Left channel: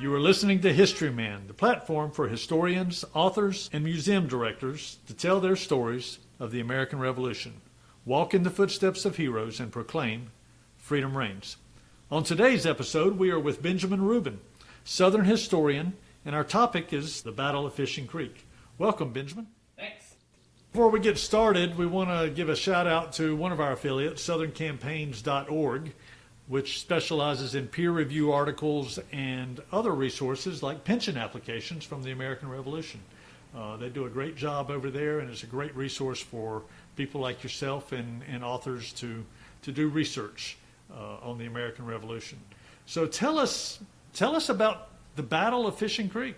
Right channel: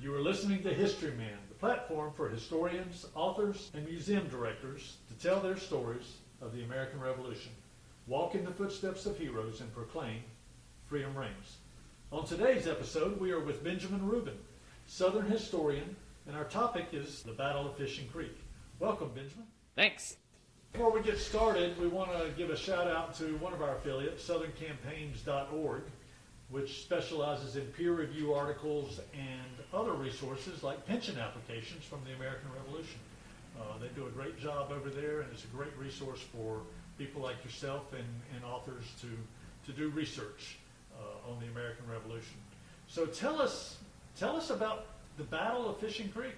You are listening to Historyman, the platform for historians, authors, and museum directors to tell their stories of the American Revolution, walk in the footsteps of heroes, and proclaim freedom reigns. On today's episode, we are with Benjamin Rubin, Southern historian, and our topic is the Battle of Fishing Creek. Welcome, Benjamin. Thanks. Before we get started, we want to give a shout out to one of our affiliates, southerncampaigns.org, which specializes in peer review articles and other resources like pension applications from the American Revolution. They do a great job over there, and it's a great resource for people like yourself and authors to do research on the American Revolution. So tell us about the Battle of Fishing Creek.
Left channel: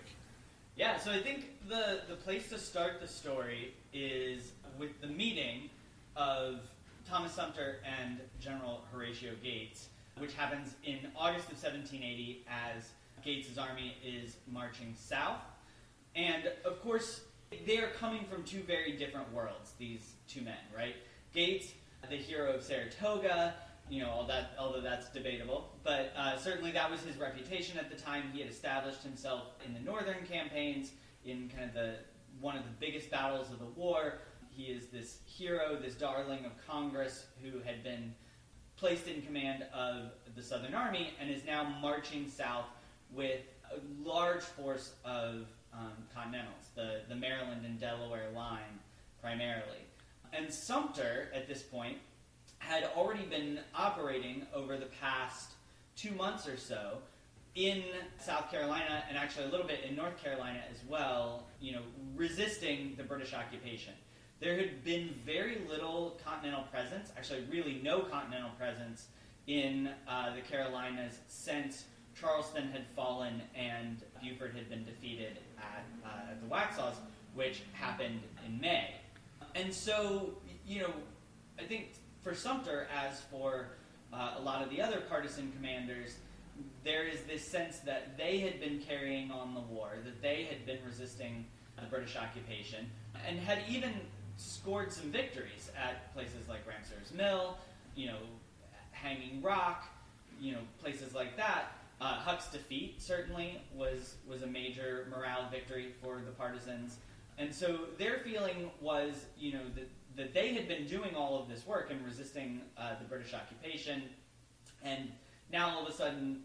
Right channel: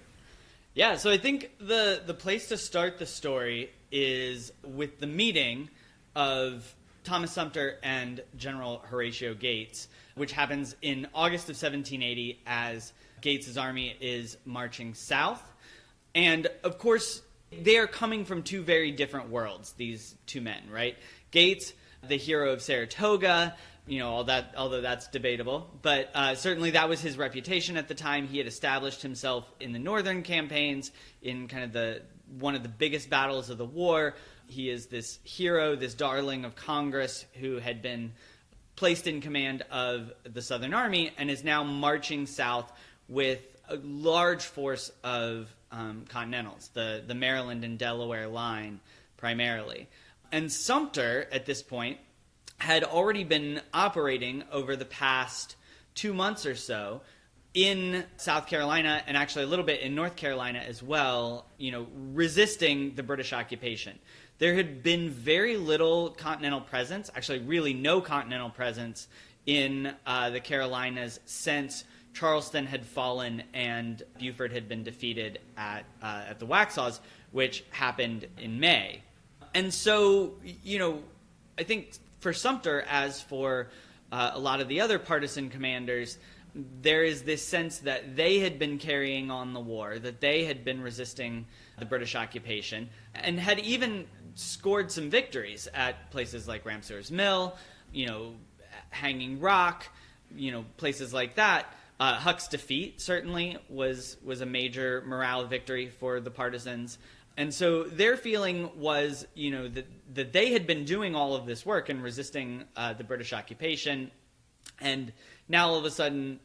Yeah, so I think the place to start the story is with the meeting of Thomas Sumter and General Horatio Gates, which happens in August of 1780 as Gates's army is marching south. And of course, they are coming from two very different worlds, these two men, right? Gates, the hero of Saratoga, although that's debatable, but certainly that was his reputation at the time. He had established himself in the northern campaigns in kind of one of the biggest battles of the war. He is this hero, this darling of Congress who had been placed in command of the Southern Army and is now marching south with a large force of Continentals, the Maryland and Delaware line primarily. And Sumter, at this point, had already been operating over the past 2 months or so in South Carolina and actually a little bit in North Carolina as well, resisting the British occupation. There had been very little continental presence, actually really no continental presence in the Carolinas since Charleston had fallen and Beaufort had been defeated at the Waxhaws, which happened in May. And so, I think for Sumter, as for a lot of the other partisan commanders, there is this sense that they had been carrying on the war, that they had been resisting the British occupation, and had even scored some victories at places like Ramseur's Mill, Hanging Rock, places like that. Huck's defeat certainly was a major morale victory for the partisans. And so their feeling was, that they had been doing all of this work and resisting the British occupation, and now all of a sudden,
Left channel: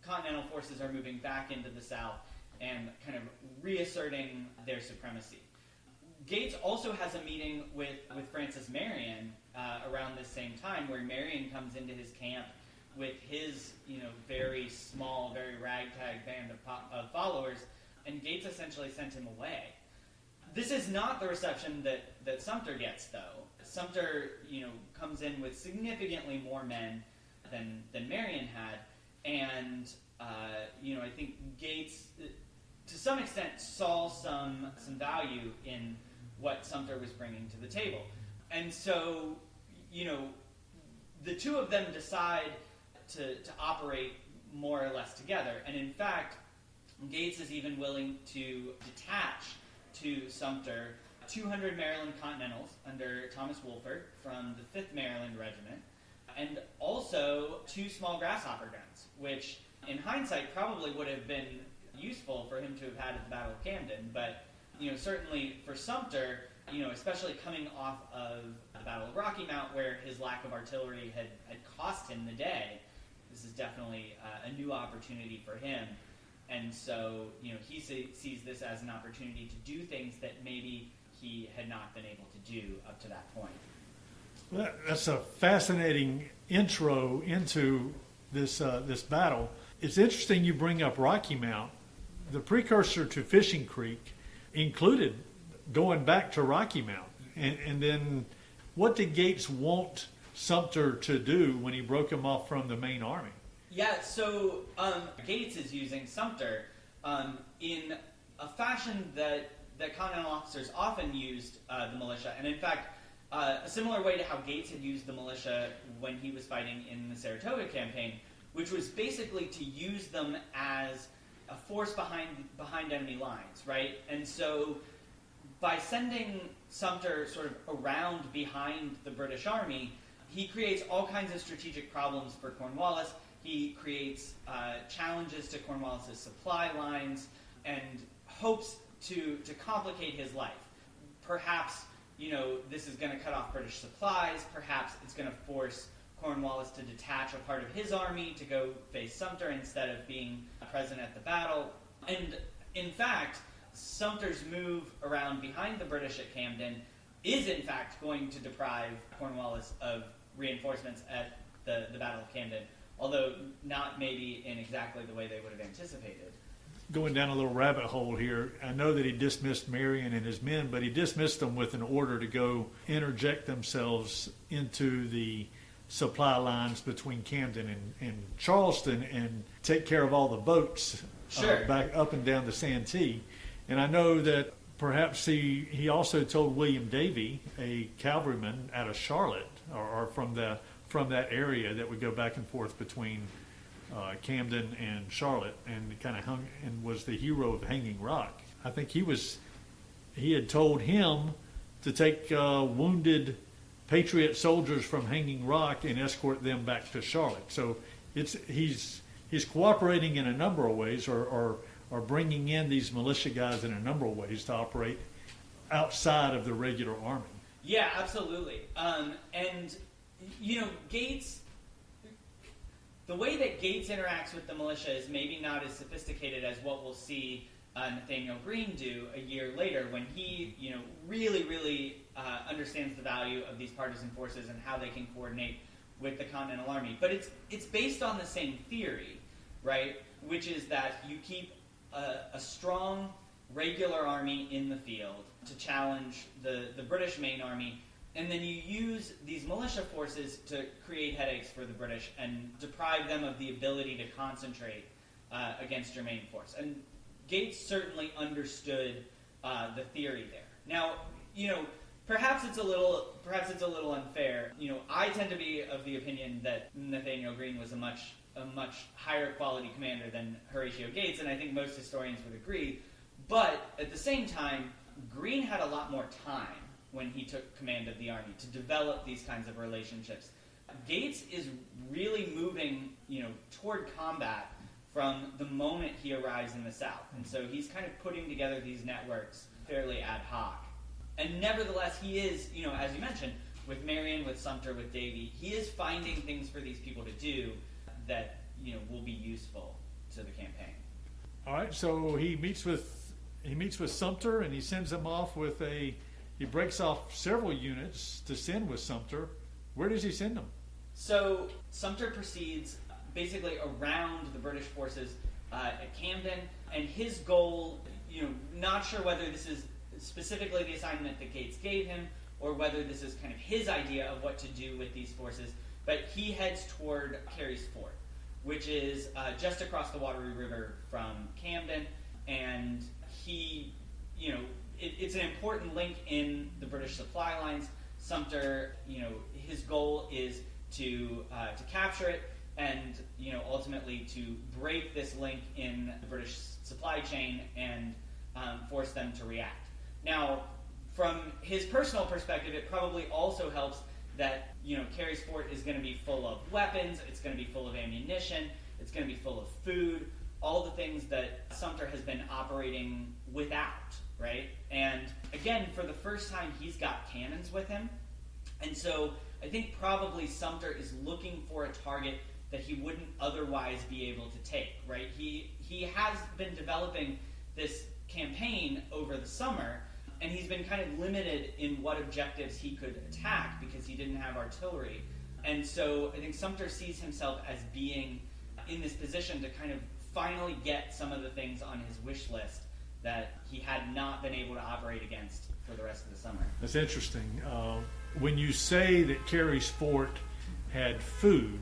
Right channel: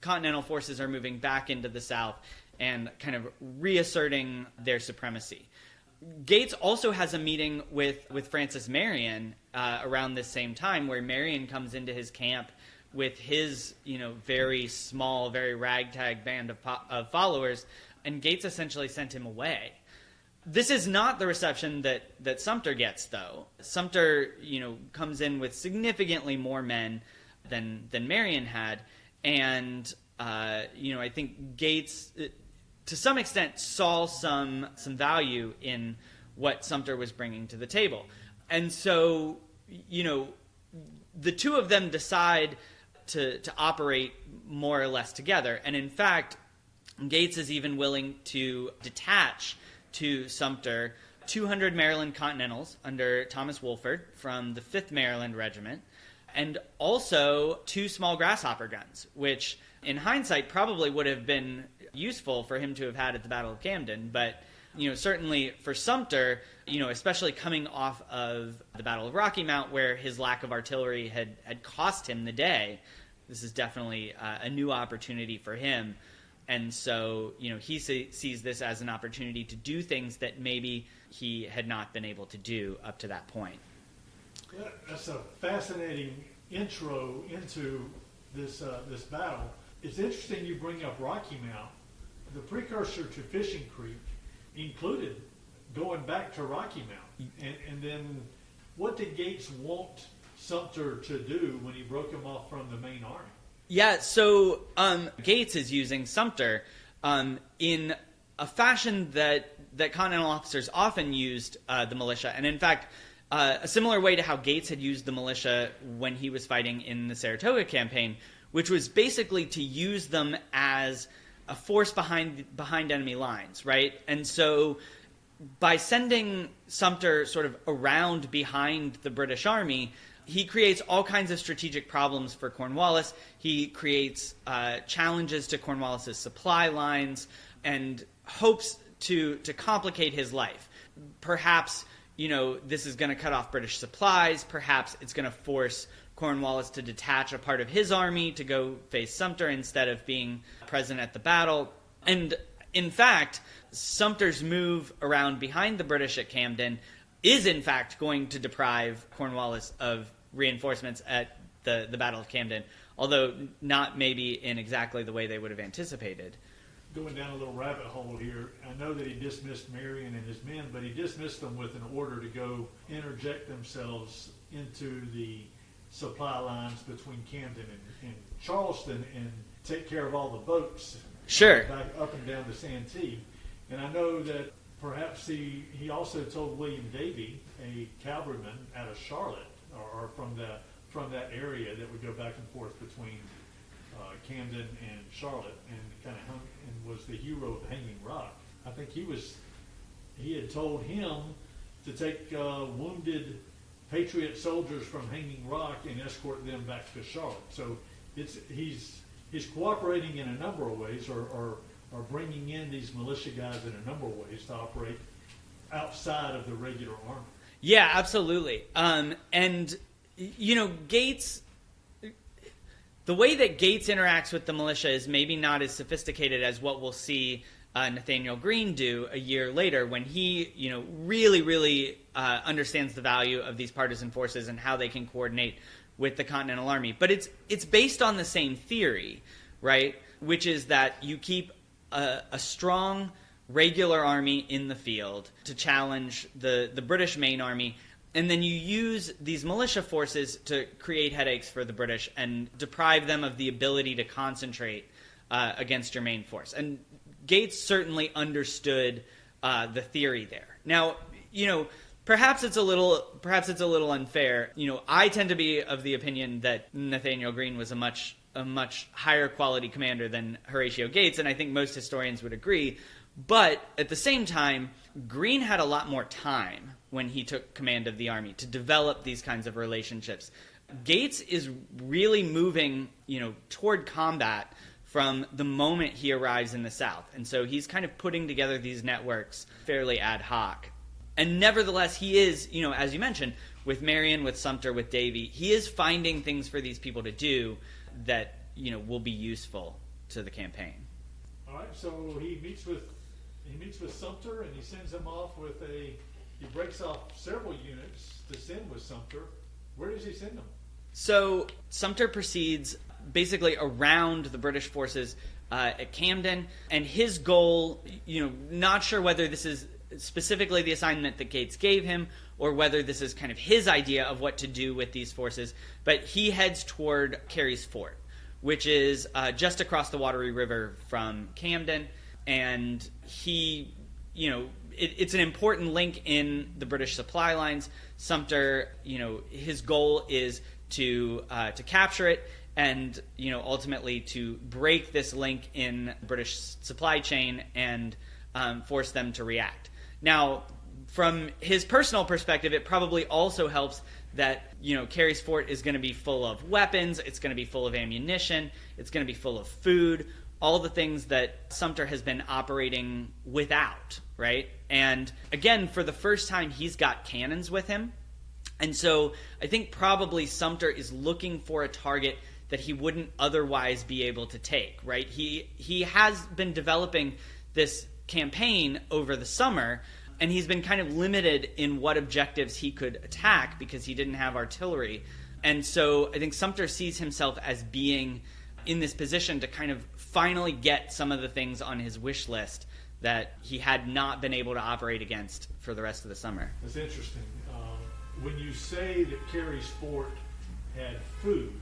continental forces are moving back into the South and kind of reasserting their supremacy. Gates also has a meeting with Francis Marion around this same time, where Marion comes into his camp with his, very small, very ragtag band of followers, and Gates essentially sent him away. This is not the reception that Sumter gets, though. Sumter, comes in with significantly more men than Marion had, and I think Gates, to some extent, saw some value in what Sumter was bringing to the table. And so, the two of them decide to operate more or less together. And in fact, Gates is even willing to detach to Sumter 200 Maryland Continentals under Thomas Wolford from the 5th Maryland Regiment, and also 2 small grasshopper guns, which in hindsight probably would have been useful for him to have had at the Battle of Camden, but certainly for Sumter, especially coming off of the Battle of Rocky Mount, where his lack of artillery had cost him the day, this is definitely a new opportunity for him. And so, he sees this as an opportunity to do things that maybe he had not been able to do up to that point. That's a fascinating intro into this battle. It's interesting you bring up Rocky Mount. The precursor to Fishing Creek included going back to Rocky Mount. And then what did Gates want Sumter to do when he broke him off from the main army? Yeah, so Gates is using Sumter in a fashion that Continental officers often used the militia. And in fact, a similar way to how Gates had used the militia when he was fighting in the Saratoga campaign, which was basically to use them as a force behind enemy lines, right? And so by sending Sumter sort of around behind the British Army, he creates all kinds of strategic problems for Cornwallis. He creates challenges to Cornwallis's supply lines and hopes to complicate his life. Perhaps, this is going to cut off British supplies. Perhaps it's going to force Cornwallis to detach a part of his army to go face Sumter instead of being present at the battle. And in fact, Sumter's move around behind the British at Camden is in fact going to deprive Cornwallis of reinforcements at the Battle of Camden, although not maybe in exactly the way they would have anticipated. Going down a little rabbit hole here, I know that he dismissed Marion and his men, but he dismissed them with an order to go interject themselves into the supply lines between Camden and Charleston and take care of all the boats back up and down the Santee. And I know that perhaps he also told William Davy, a cavalryman out of Charlotte, or from that area that would go back and forth between Camden and Charlotte, and kind of hung and was the hero of Hanging Rock. I think he had told him to take wounded Patriot soldiers from Hanging Rock and escort them back to Charlotte. So he's cooperating in a number of ways, or bringing in these militia guys in a number of ways to operate outside of the regular army. Yeah, absolutely. And Gates, the way that Gates interacts with the militia is maybe not as sophisticated as what we'll see Nathaniel Greene do a year later, when he, really understands the value of these partisan forces and how they can coordinate with the Continental Army. But it's based on the same theory, right? Which is that you keep a strong regular army in the field to challenge the British main army, and then you use these militia forces to create headaches for the British and deprive them of the ability to concentrate against your main force. And Gates certainly understood the theory there. Now, perhaps it's a little unfair. I tend to be of the opinion that Nathaniel Greene was a much higher quality commander than Horatio Gates, and I think most historians would agree. But at the same time, Greene had a lot more time when he took command of the army to develop these kinds of relationships. Gates is really moving, toward combat from the moment he arrives in the South. And so he's kind of putting together these networks fairly ad hoc. And nevertheless, he is, as you mentioned, with Marion, with Sumter, with Davy, he is finding things for these people to do that, will be useful to the campaign. All right, so he meets with Sumter, and he sends them off he breaks off several units to send with Sumter. Where does he send them? So Sumter proceeds basically around the British forces at Camden, and his goal, not sure whether this is specifically the assignment that Gates gave him or whether this is kind of his idea of what to do with these forces, but he heads toward Carey's Fort, which is just across the Wateree River from Camden, and he, it's an important link in the British supply lines. Sumter, his goal is to capture it and, ultimately to break this link in the British supply chain and force them to react. Now, from his personal perspective, it probably also helps that, Carey's Fort is going to be full of weapons, it's going to be full of ammunition, it's going to be full of food, all the things that Sumter has been operating without, right? And again, for the first time, he's got cannons with him. And so I think probably Sumter is looking for a target that he wouldn't otherwise be able to take, right? He has been developing this campaign over the summer, and he's been kind of limited in what objectives he could attack because he didn't have artillery. And so I think Sumter sees himself as being in this position to kind of finally get some of the things on his wish list that he had not been able to operate against for the rest of the summer. That's interesting. When you say that Carey's Fort had food,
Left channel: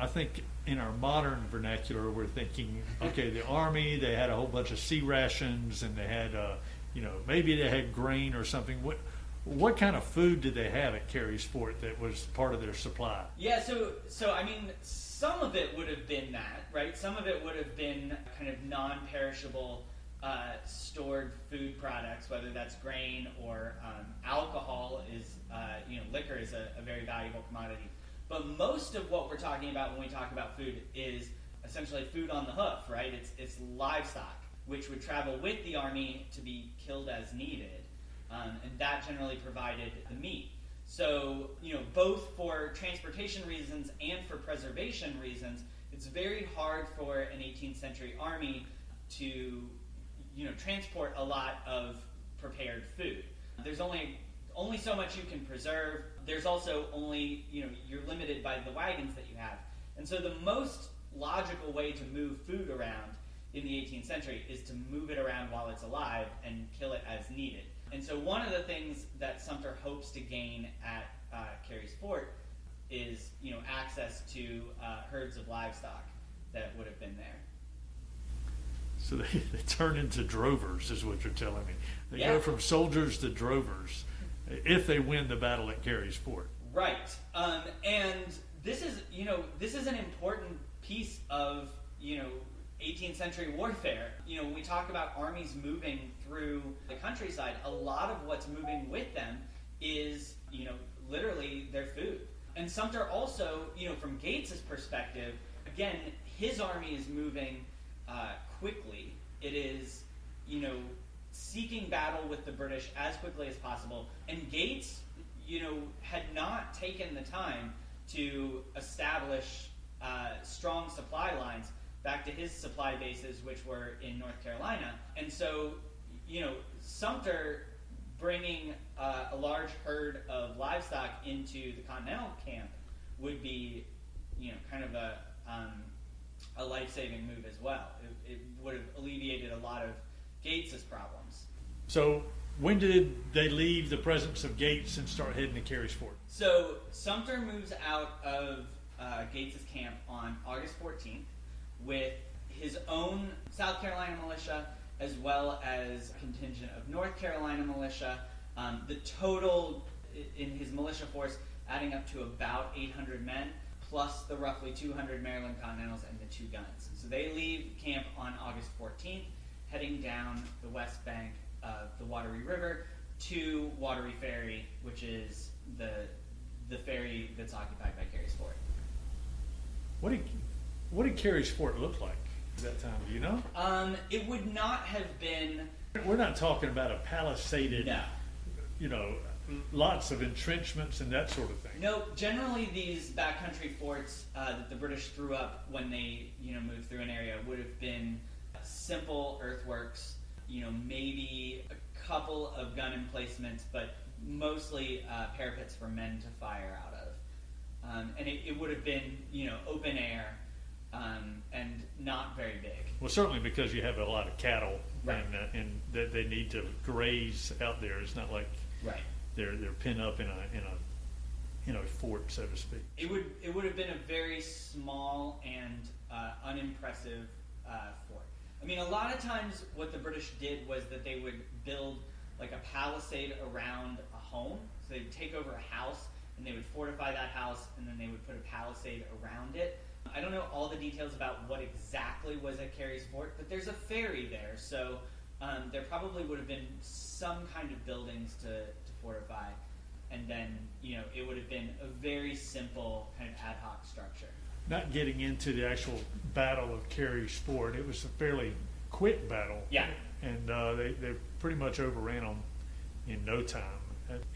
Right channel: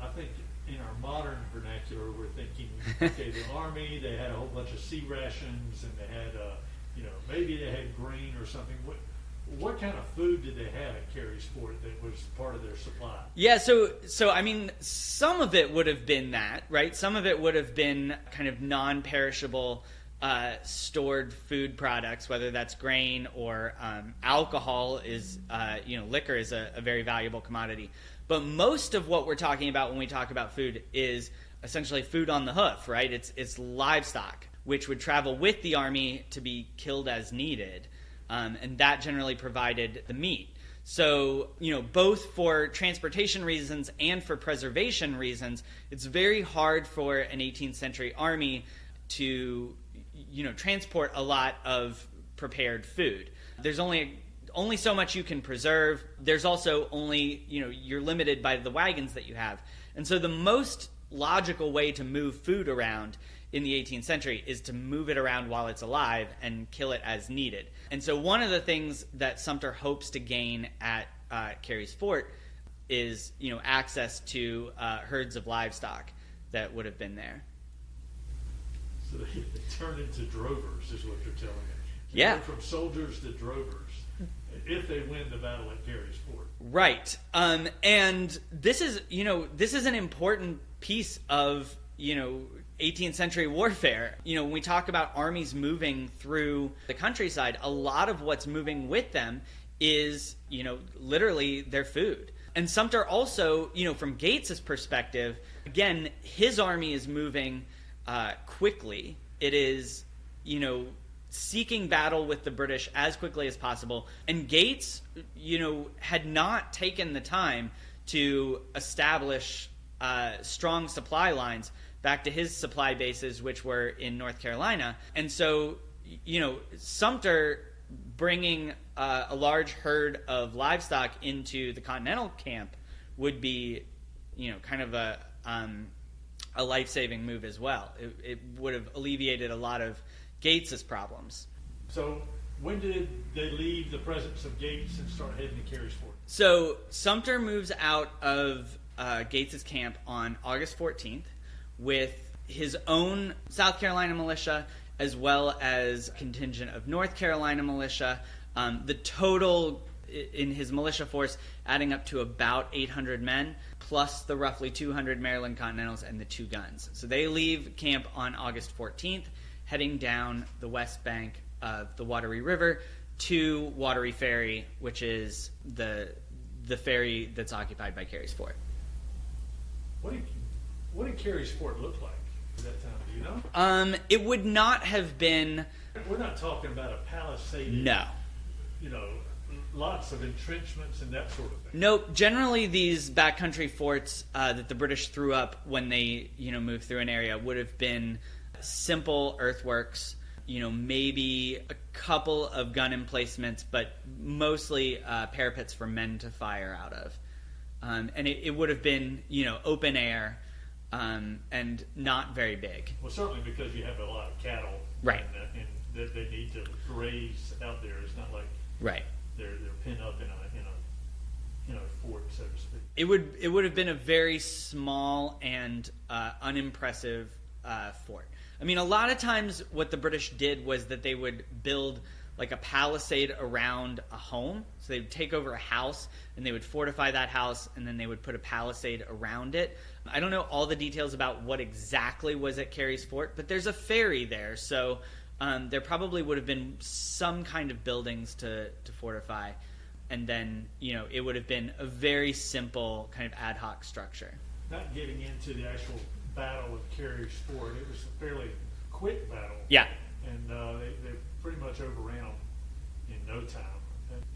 I think in our modern vernacular, we're thinking, okay, the Army, they had a whole bunch of sea rations, and they had, maybe they had grain or something. What kind of food did they have at Carey's Fort that was part of their supply? Yeah, so I mean, some of it would have been that, right? Some of it would have been kind of non-perishable stored food products, whether that's grain or alcohol is, liquor is a very valuable commodity. But most of what we're talking about when we talk about food is essentially food on the hoof, right? It's livestock, which would travel with the army to be killed as needed. And that generally provided the meat. So, both for transportation reasons and for preservation reasons, it's very hard for an 18th century army to, transport a lot of prepared food. There's only so much you can preserve. There's also only, you're limited by the wagons that you have. And so the most logical way to move food around in the 18th century is to move it around while it's alive and kill it as needed. And so one of the things that Sumter hopes to gain at Carey's Fort is, access to herds of livestock that would have been there. So they turn into drovers, is what you're telling me. They Yeah. go from soldiers to drovers if they win the battle at Carey's Fort. Right. And this is, this is an important piece of, 18th century warfare. When we talk about armies moving through the countryside, a lot of what's moving with them is, literally their food. And Sumter also, from Gates's perspective, again, his army is moving quickly. It is, seeking battle with the British as quickly as possible. And Gates, had not taken the time to establish strong supply lines back to his supply bases, which were in North Carolina. And so, Sumter bringing a large herd of livestock into the Continental camp would be, kind of a life-saving move as well. It would have alleviated a lot of Gates's problems. So when did they leave the presence of Gates and start heading to Carey's Fort? So Sumter moves out of Gates's camp on August 14th with his own South Carolina militia as well as a contingent of North Carolina militia. The total in his militia force adding up to about 800 men, plus the roughly 200 Maryland Continentals and the 2 guns. So they leave camp on August 14th, heading down the west bank of the Wateree River to Wateree Ferry, which is the ferry that's occupied by Carey's Fort. What did Carey's Fort look like at that time? Do you know? It would not have been. We're not talking about a palisaded. No. Lots of entrenchments and that sort of thing. Nope. Generally, these backcountry forts that the British threw up when they, moved through an area would have been simple earthworks. Maybe a couple of gun emplacements, but mostly parapets for men to fire out of. And it would have been, open air and not very big. Well, certainly because you have a lot of cattle, Right. And that they need to graze out there. It's not like Right. they're pinned up in a fort, so to speak. It would have been a very small and unimpressive fort. I mean, a lot of times what the British did was that they would build like a palisade around a home. So they would take over a house and they would fortify that house and then they would put a palisade around it. I don't know all the details about what exactly was at Carey's Fort, but there's a ferry there. So there probably would have been some kind of buildings to fortify. And then, it would have been a very simple kind of ad hoc structure. Not getting into the actual Battle of Carey's Fort, it was a fairly quick battle. Yeah. And they pretty much overran them in no time.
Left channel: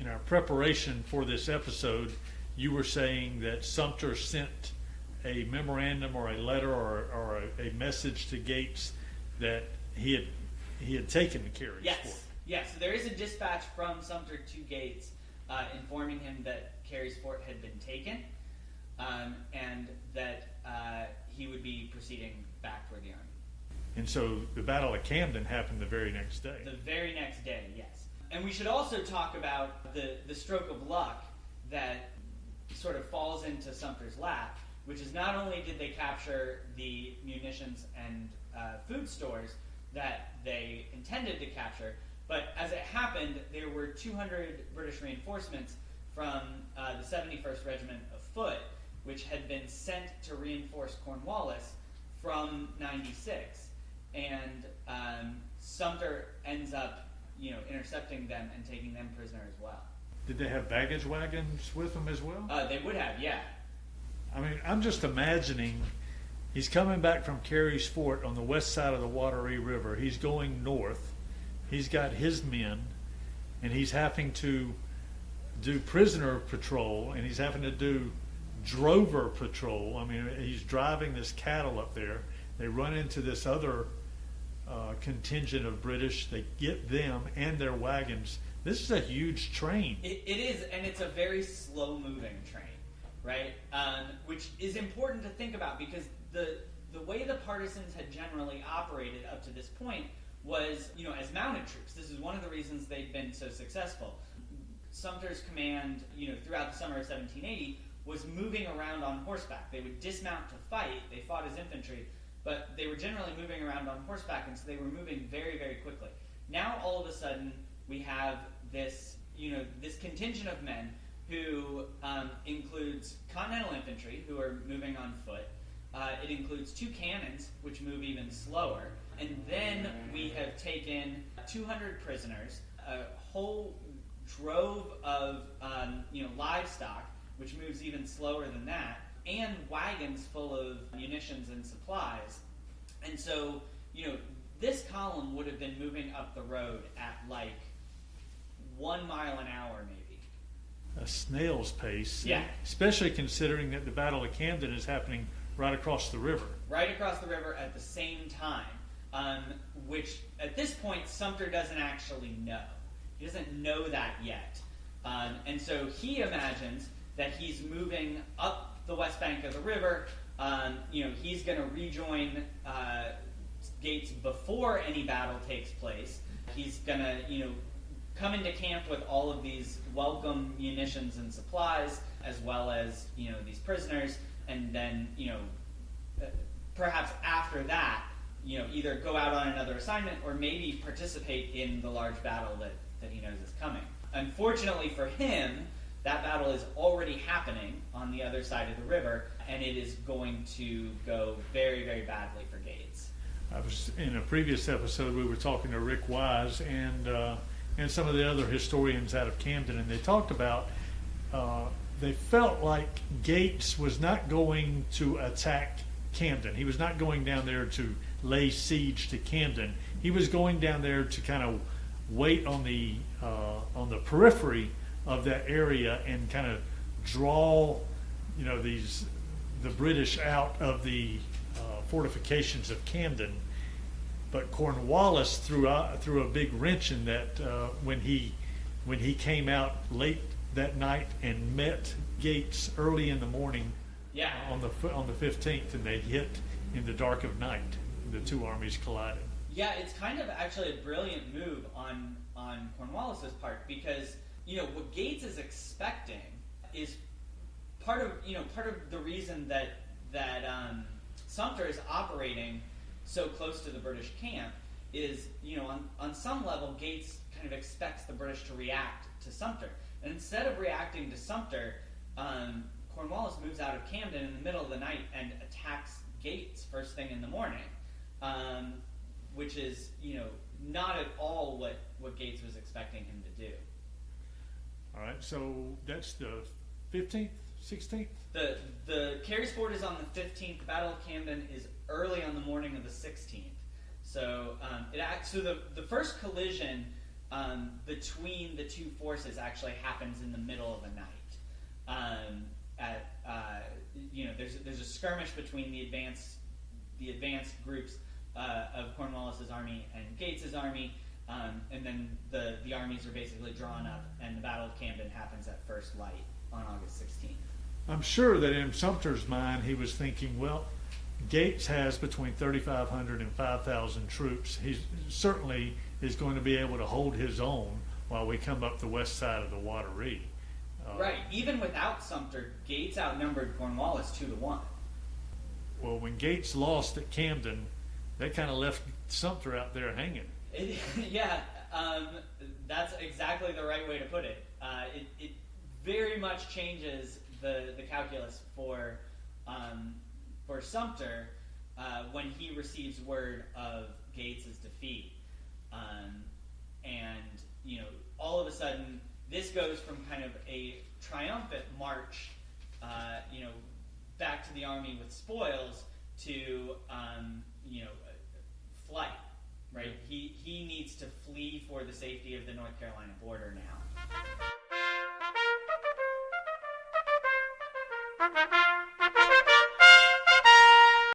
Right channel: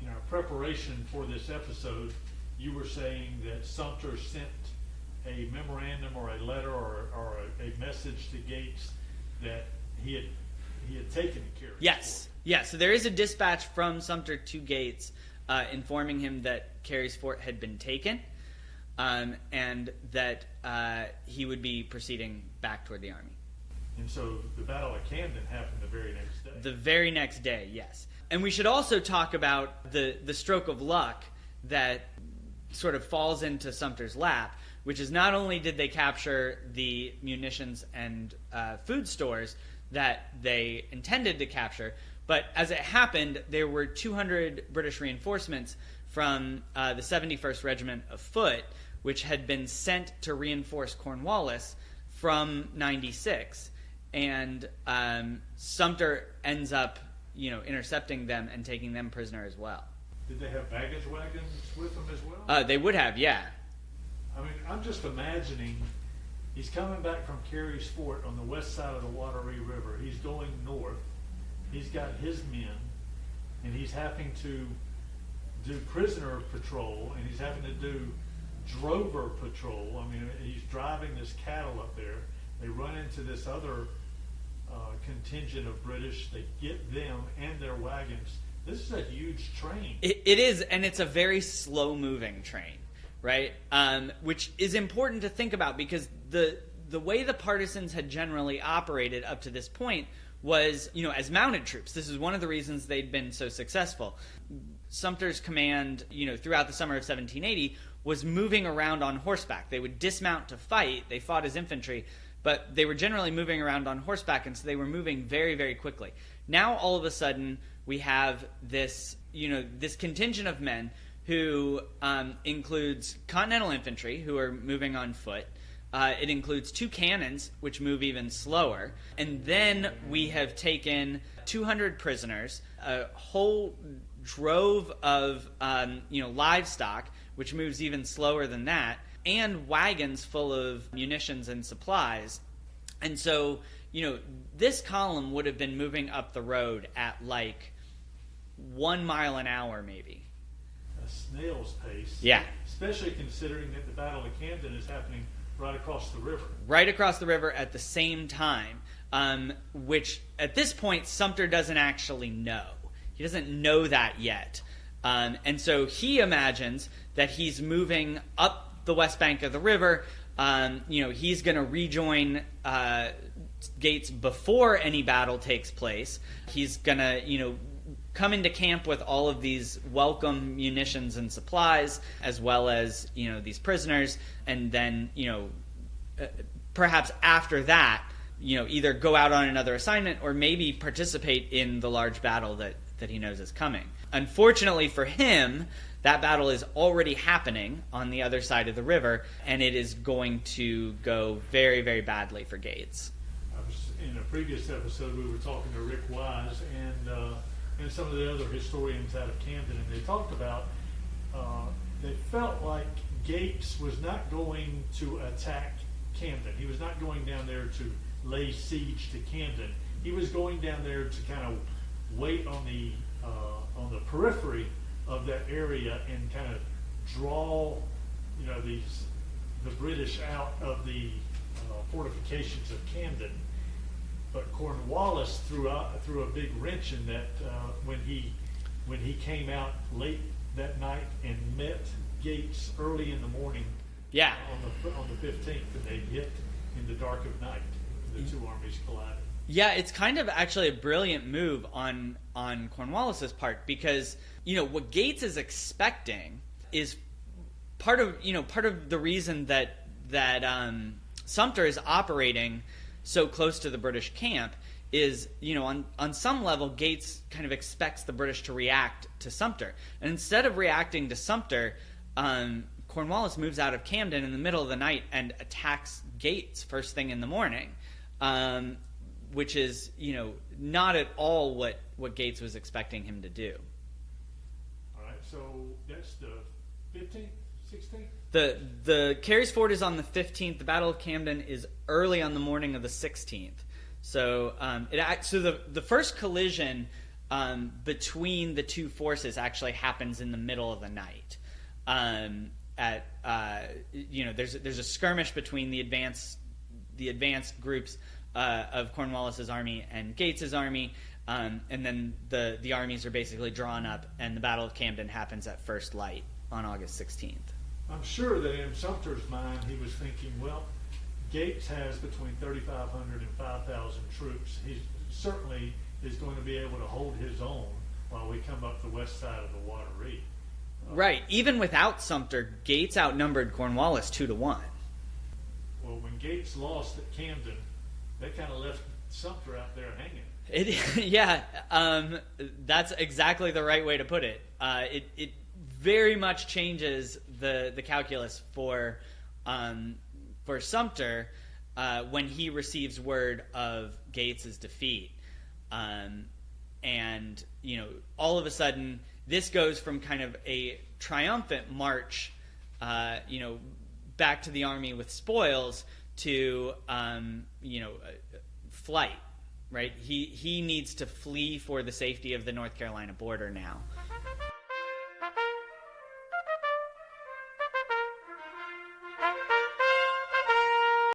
In our preparation for this episode, you were saying that Sumter sent a memorandum or a letter or a message to Gates that he had taken Carey's Yes. Fort. Yeah, so there is a dispatch from Sumter to Gates informing him that Carey's Fort had been taken and that he would be proceeding back toward the army. And so the Battle of Camden happened the very next day. The very next day, yes. And we should also talk about the stroke of luck that sort of falls into Sumter's lap, which is not only did they capture the munitions and food stores that they intended to capture, but as it happened, there were 200 British reinforcements from the 71st Regiment of Foot, which had been sent to reinforce Cornwallis from 96. and Sumter ends up, intercepting them and taking them prisoner as well. Did they have baggage wagons with them as well? They would have, yeah. I mean, I'm just imagining he's coming back from Carey's Fort on the west side of the Wateree River. He's going north. He's got his men, and he's having to do prisoner patrol, and he's having to do drover patrol. I mean, he's driving this cattle up there. They run into this other contingent of British. They get them and their wagons. This is a huge train. It is, and it's a very slow-moving train, right? Which is important to think about, because the way the partisans had generally operated up to this point was, as mounted troops. This is one of the reasons they'd been so successful. Sumter's command, throughout the summer of 1780, was moving around on horseback. They would dismount to fight. They fought as infantry, but they were generally moving around on horseback, and so they were moving very, very quickly. Now, all of a sudden, we have this, this contingent of men who includes Continental infantry, who are moving on foot. It includes 2 cannons, which move even slower. And then we have taken 200 prisoners, a whole drove of livestock, which moves even slower than that, and wagons full of munitions and supplies. And so, this column would have been moving up the road at like 1 mile an hour, maybe. A snail's pace. Yeah. Especially considering that the Battle of Camden is happening right across the river. Right across the river at the same time, which at this point Sumter doesn't actually know. He doesn't know that yet. And so he imagines that he's moving up the west bank of the river. He's going to rejoin Gates before any battle takes place. He's going to, come into camp with all of these welcome munitions and supplies, as well as, these prisoners, and then, perhaps after that, either go out on another assignment or maybe participate in the large battle that he knows is coming. Unfortunately for him, that battle is already happening on the other side of the river, and it is going to go very, very badly for Gates. I was in a previous episode. We were talking to Rick Wise and some of the other historians out of Camden, and they talked about they felt like Gates was not going to attack Camden. He was not going down there to lay siege to Camden. He was going down there to kind of wait on the periphery of that area and kind of draw, the British out of the fortifications of Camden. But Cornwallis threw a big wrench in that when he came out late that night and met Gates early in the morning. Yeah. On the 15th, and they hit in the dark of night. The two armies collided. Yeah, it's kind of actually a brilliant move on Cornwallis's part, because what Gates is expecting is part of the reason that Sumter is operating so close to the British camp is, on some level, Gates kind of expects the British to react to Sumter. And instead of reacting to Sumter, Cornwallis moves out of Camden in the middle of the night and attacks Gates first thing in the morning, which is, not at all what Gates was expecting him to do. All right, so that's the 15th, 16th? The Carey's Ford is on the 15th. The Battle of Camden is early on the morning of the 16th. So the first collision between the two forces actually happens in the middle of the night. There's a skirmish between the advanced groups of Cornwallis's army and Gates's army, and then the armies are basically drawn up, and the Battle of Camden happens at first light on August 16th. I'm sure that in Sumter's mind he was thinking, well, Gates has between 3,500 and 5,000 troops. He certainly is going to be able to hold his own while we come up the west side of the Wateree. Right. Even without Sumter, Gates outnumbered Cornwallis 2-1. Well, when Gates lost at Camden, that kind of left Sumter out there hanging. That's exactly the right way to put it. It very much changes the calculus for Sumter, when he receives word of Gates's defeat. And, all of a sudden, this goes from kind of a triumphant march, back to the army with spoils to, flight, right? He needs to flee for the safety of the North Carolina border now.